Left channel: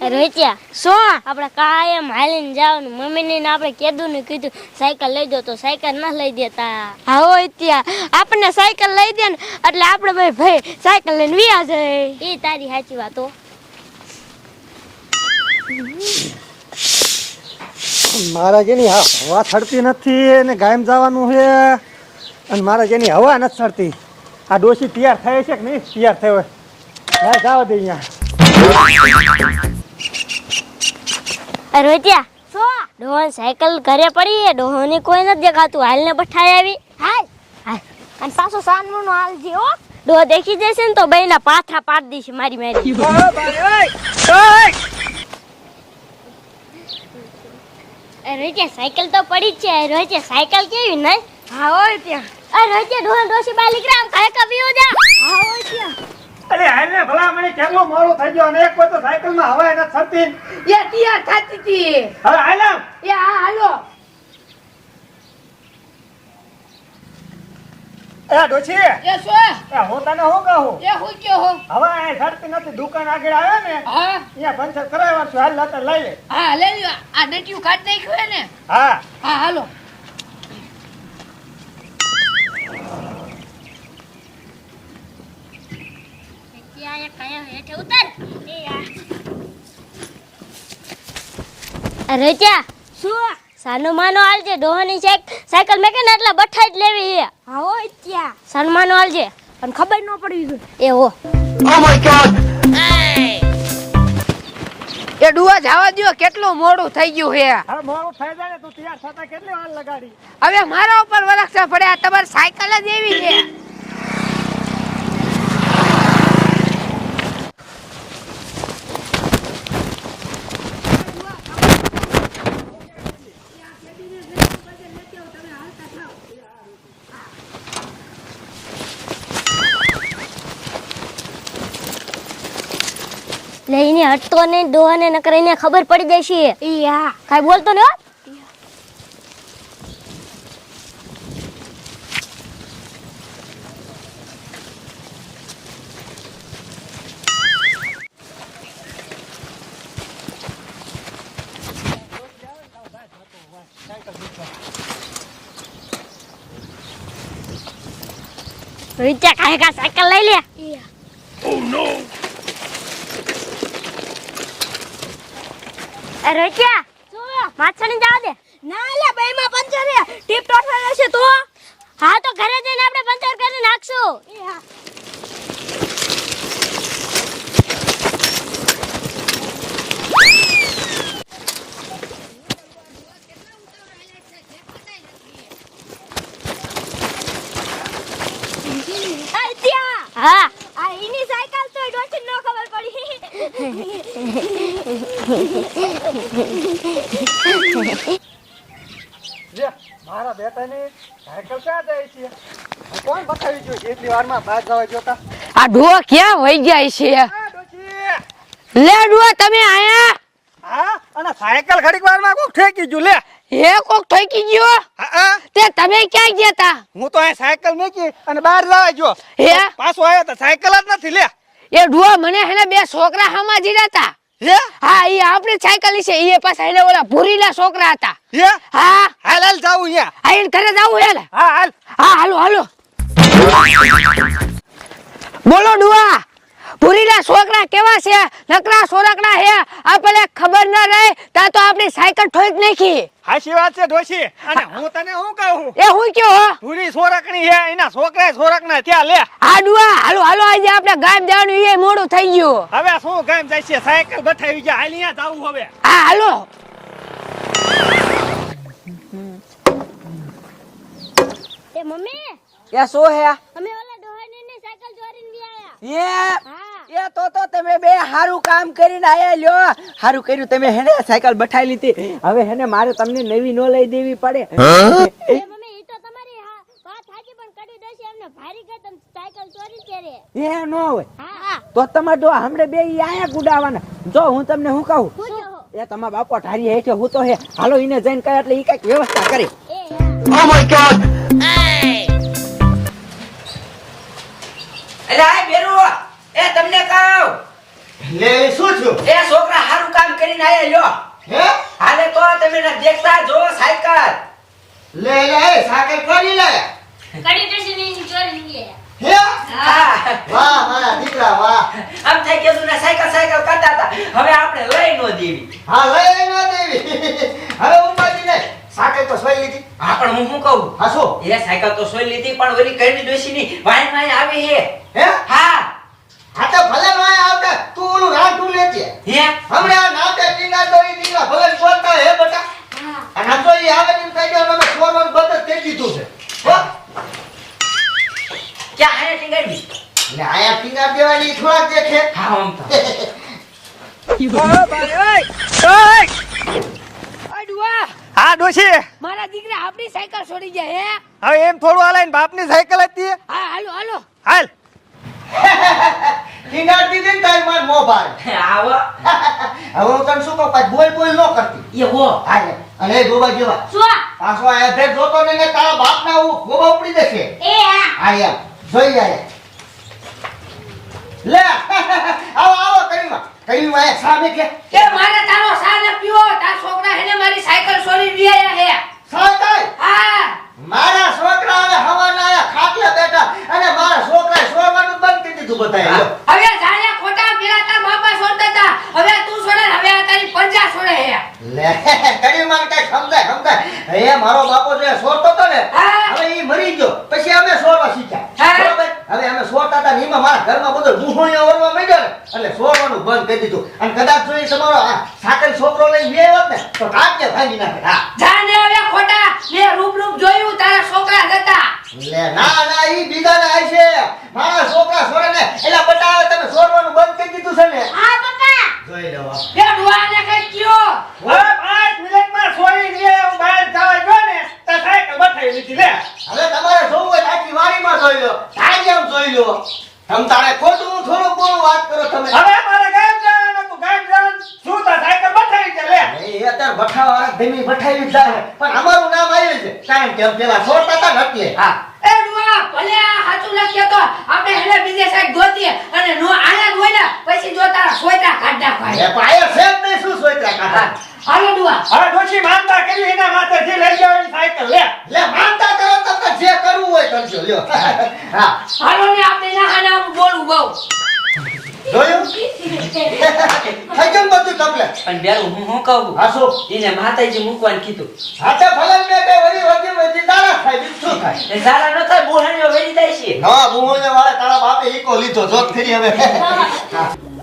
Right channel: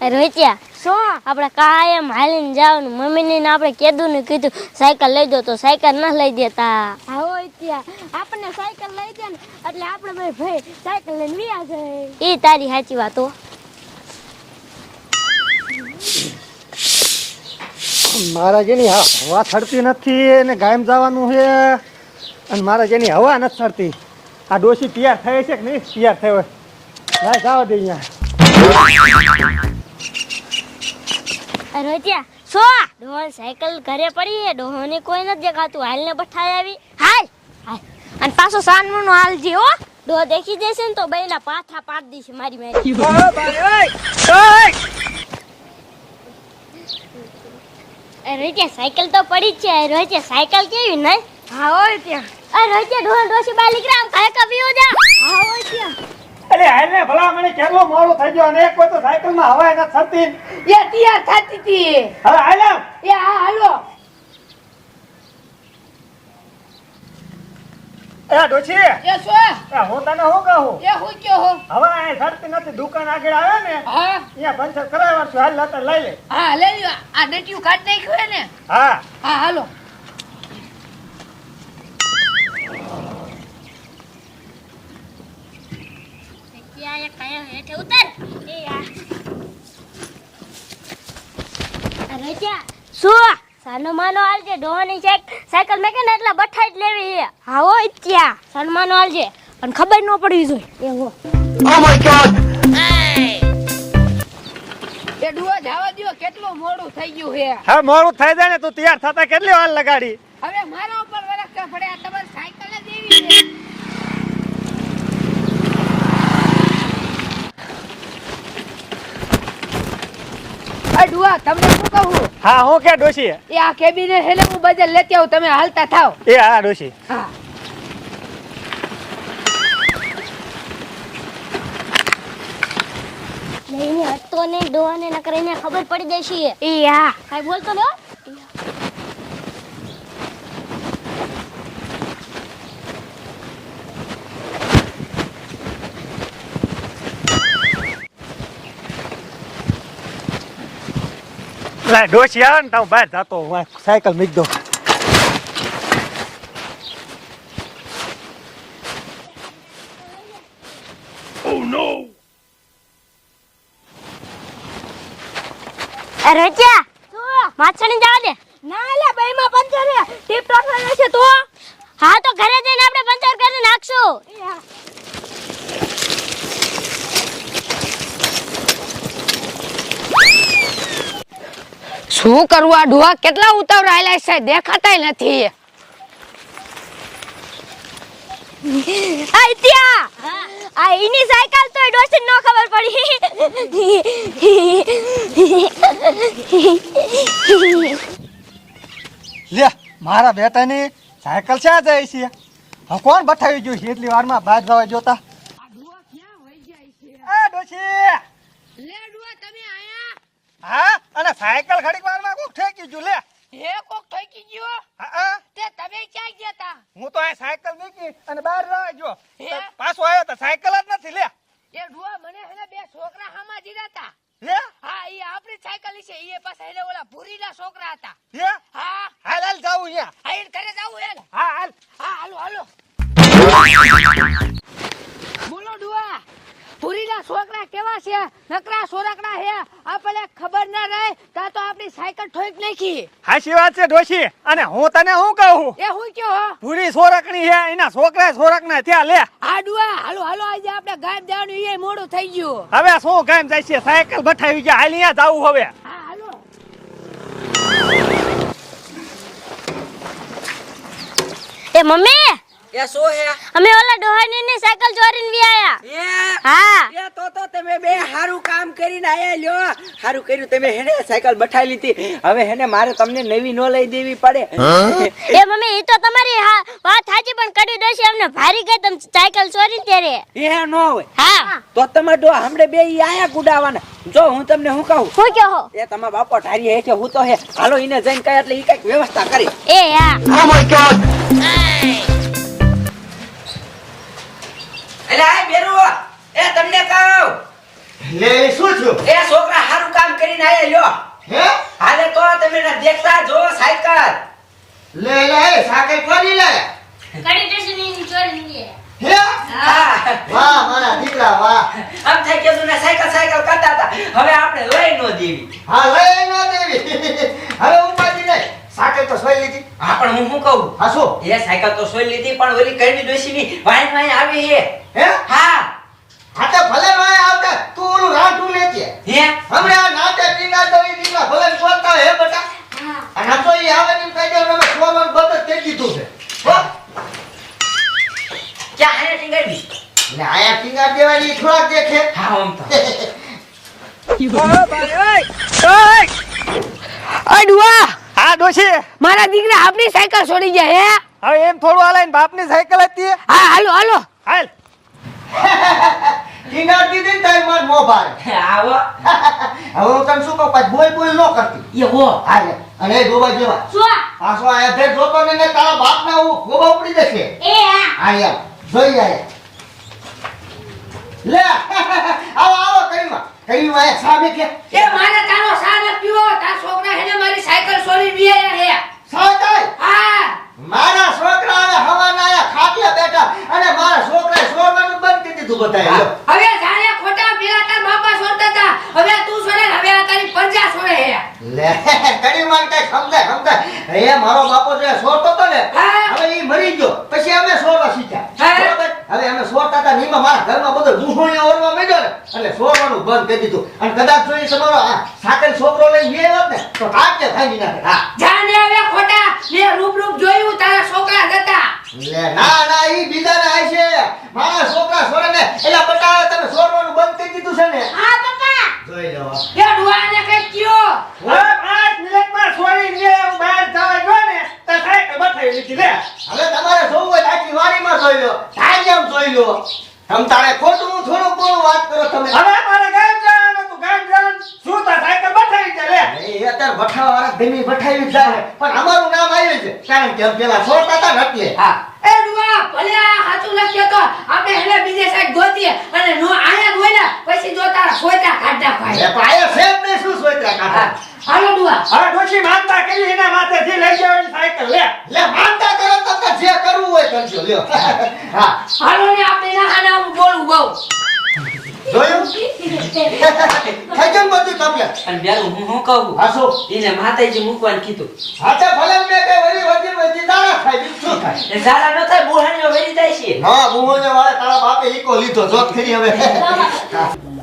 રોચ્યા શું? આપણે કાયમ હાલીને ને મમ્મીને ને આપણે કીધું ને કીધું સાયકલ લઈ દો તો સાયકલ ન લઈ દેતા. હા ત્યાં આપણને સાયકલ લઈ દે ને એટલે આપણે ભાઈ ભાઈ સાયકલ લઈને વિયા જાય. એ તારી સાચી વાત હો. મારા જેની હવા થડતી નથી અને ગાયમ જવાનું છે અને મારા જેની હવા નથી થડતી આ ડોસી તૈયાર થાય છે કે નહીં? તૈયાર થયો હોય. જાવ દે અહીંયા. રોચ્યા સો ડોહન સાયકલ ઘરે પડી છે ડોહોની કોઈ નથી દેખાતું. હાલને બઠાઈ આવી. હાલ. હાલ. અને પાછો સાનમુ નો હાલ જે હો. ડોહ દેખી જશે ને તો બેના પાથા પાડી દેશે મારી મારી. રોચ્યા સાયકલ તો પડી જ છે. રોચ્યા સાયકલ કેવી નહીં હા ત્યાં. અરે રોચ્યા ડોહન ડોસી બાલિક રામ સાયકલ પીવો જા. હા ત્યાં. અરે હાલને ભલા મને કેટલો મોડો થઈ ગયો અને એક કોઈ તો સાયકલમાં હવા થતી એ તૈયાર થતી હતી. હવે હાલ્યા એ હા હાલો. એ ડોશી. એ શું? આ હું તને શું કહું? એ હું કયો હો? હવા એ થડતી નથી દુકાન આગળ આવે ને હા. ત્યાં પંચર કરાવવા છું. હાલ લઈ લે. હા લઈ લ્યો. આ ડટિયું કાઢ નાખ્યું હે ને? હા. હા હાલો. રજા. શું? સાનું માનો હાલજે ડોહાની સાઈક સાયકલ મેં એટલે બઠા જ લેવી છે. હા હોય ત્યાં. સાનું માનો હાલજે. પણ ખબર ન પડવી જોઈએ. એવો એ ડુઆ જવા દો કેટલું મોડું થઈ ગયું હે હા મોડું થઈ જાય ને તું તૈયાર થતા કેટલી વાર લગાડી? હવે મારા ઉપર વરક્ષા પડે આ તમારી સાયકલ જ એવી છે. તમને હા હું કે ડોશી? એ આ કેબિનેટ હેલે હું બજાર લેતી આવું તમે હાલતા થાવ. એ હા ડોશી. હા. લઈને હટતો નહીં ડોહાને નકર એને ખબર પડી જશે. એ હા. કાઈ બોલતો ને હો લા ડોશી આવે ને તો હું બહાર જતો હું સાયકલ મૂકી દઉં રોજા કાંઈ કા સાયકલ લઈ લે ઓ નો અરે રોજા શું માછણી જવા દે ના લે ભાઈ માં પંચર ટીપ ટોપ રહેશે તો હા તો ઘરે જઈને આપણે પંચર કરી નાખશું શું કરવું આ ડોહા કેટલા ઉતાવળ આયલા છે? દેખાતાય નથી. આઈત્યા હા. આ એની સાયકલ તો ડોસી નો ખબર પડી. લે મારા બેટાની સાયકલ ક્યાં જાય છે? કોણ બઠાવી ગયું છે એટલી વારમાં બહાર જવા જોતા. આ ડોહા ક્યાં વહી જાય છે? લે ડોહા તમે આયા હા અને સાયકલ ઘડીક વારમાં કોક ઠેકી ગયું લે. હે કોક ઠોકી ગયો? હા હા. તે તમે ક્યાં ગયા તા? હું તો આ સાયકલ મૂકી અને બહાર લાવા ગયો. હે? પાછો આવ્યો તો સાયકલ જ નથી લે. એ ડુઆ મને હેને બે છોકરા હામાં જીરા તા. હે? હા એ આપણી સાયકલ છે એ પાછા હેને ઓલા ભૂરીલા છોકરા હતા. હે? હા. હાલ હાલ જાવું અહીંયા. આ એને ઘરે જાવું હેલે હા હાલ. હા હાલો હાલો. બોલો ડુઆ ભૂરીલા છોકરા કેવા છે? નકરા સોરકડા હે? આપણે ખબર ના રહે તા તો આપણી સાયકલ ઠોક નાખી. હાચી વાત છે ડોશી. અને હું તને શું કહું? એ હું કયો હો? ભૂરી સોરકણી હે એના છોકરા સોરકના ત્યાં લે. હા ડુઆ હાલો હાલો આજે આપણે ગામ જવાનું એ મોડું થઈ ગયું. હવે શું ગામ જાય છે? સાયકલ બઠાવી ગયા હાલ જાવું હવે. હા હાલો. એ મમ્મી એ શું હે? અમે ઓલા ડોહાની ની સાયકલ ચોરીને વી આયા. એ? હા. એ તો તો તમે બે હારું કામ કરીને આયા લ્યો. હારું કર્યું તમે હેને સાયકલ બઠાઈ લીધી? હવે હેને મારે તમને નવી નો લઈ દેવી પડે. એ મમ્મી ઈ તો તમારી વાત સાચી પણ કરી દેશે અમને ભારી ગઈ તમે સાયકલ ચોરી ત્યારે? એ નો હોય. હા. તો તમે ડો હમણે બે આયા ગુડાવાના. જો હું તમને હું કહું? હું કહો? હો એ તમારા બાપો ઢારી હે કે હું તો હે. હાલો એને જઈને કઈ એટલે ઈ કંઈક વ્યવસ્થા કરી. એ હા. અરે આ બેરો લઈ લો હે? હાલે તો તમે દેખતા જો સાયકલ. લે લે સાયકલ કોની લે? કડી ટસની ચોરી લે હે? હા. વાહ મારા દીકરા વાહ. આમ થઈ ગયું ને સાયકલ સાયકલ કરતા હતા. હવે આપણે લઈ નો દેવી. હા અ ડુઆ! હા ડોશી. મારા દીકરા આપની સાયકલ છોડી ગયા હે? હા એમ થોડું હાલે બાપની સાયકલ હતી હા હાલો હાલો. હાલ. ટીંગા દીદી ને માર મો ભાઈ આવો. હવે હું તને શું કહું પાછું બોલ બોલ નો કરતી. એ વો. હાલે અને ગોબા જેવા શું? પાછો આ ફેર જોતો ને ને તારા બાપના હું ગોબા ઉપડી જશે. એ હા આયા જોઈ જાય લે. આવો આવો કરીમાં. કરીમાં સામે કે એ મારે તારો સા ન પીવો તાર છોકરા હેને મારી સાયકલ છોડી ગયા હે સાંતાય હા મારા છોકરા હવે હવાના આયા ખાટલે બેઠા અને મારા છોકરાએ છોડવાનું બંધ કરી દીધું બધાએ લ્યો. હવે જાણ્યા ખોટા પેલા તાર બાપા છોડતા હતા હવે તું છોડે ને હવે આ તારી પંજા છોડે હે લે કરીમાં કઈ સમજાય સમજાય બાપો જે છોડતો હતો ને હા. હવે ઈ મરી ગયો પછી અમે છોડવા શીખ્યા હા. બરોબર? હવે અમે છોડતા હતા ને એમાં મારા ઘરમાં બધો ગુહોણિયો ઓરવા માંડ્યો ને એટલે છોડવાનું બંધ કરી દીધું અને કદાચ જો ઈ તમારો આ સાકર છોકરો લઈને બે હોત ને તો આગે ભાંગી નાખે હા જાણે હવે ખોટા મેં રૂપ રૂપ જોયું તારા છોકરા હતા લે ના ના ઈ બીજાના આય છે મારા છોકરા છોડે ને એલા બતાવે તમે છોડવાનું બંધ કરી દીધું છે ને હા પપ્પા જોઈ લો એ ડુઆને કઈ કયો હવે પાંચ મિનિટમાં છોડી દે હું બહાર જવા ગયો ને તો સાયકલ બતાવી લીધી લે હવે તમારે જોવું હોય તો આખી વાડીમાં જોઈ લો થાય એમ જોઈ લો તમ તારે ખોટું થોડું બોલું વાત કરો તમે હવે મારે ગામ જવાનું હતું ગામ જવાનું શું તા સાયકલ બતાવી દે લે એ અત્યારે વાળા ધીમી ભઠ્ઠાઈ પણ અમારું નામ આવ્યું છે. કારણ કે પેલા છોડતા હતા ને એટલે હા. એ ડુઆ ભલે હાચું સાચું લખ્યો તો આપણે હેને બીજે સાઈડ ગોતીએ અને નો આયા ગોઈલા પછી જોતા સોયતા કાઢતા ભાઈ એ પાડે પાયો છે ને શું સોયતા કાઢા હાલો ડુઆ હવે ડોશી માનતા કરી એના માથે જે લઈ જવાની સાયકલ. લે. લે માનતા કરો તો જે કરવું હોય કરજો લ્યો. હા. હાલો ને આપણે ના આના બોલું બહુ. જોયું? થઈ ગયું બધું તમને પણ બેરું હું શું કહું? હા શું? એને માતાજી મૂકવાનું કીધું. હા તો ભલે મેં કઈ વળી વધી વધી દાણા થાય બીજું શું થાય? એ ન થાય બુહાણીઓ વેરી જાય છે. હા બુમોને વાળા તારા બાપે ઈકો લીધો જોત ખરી હવે.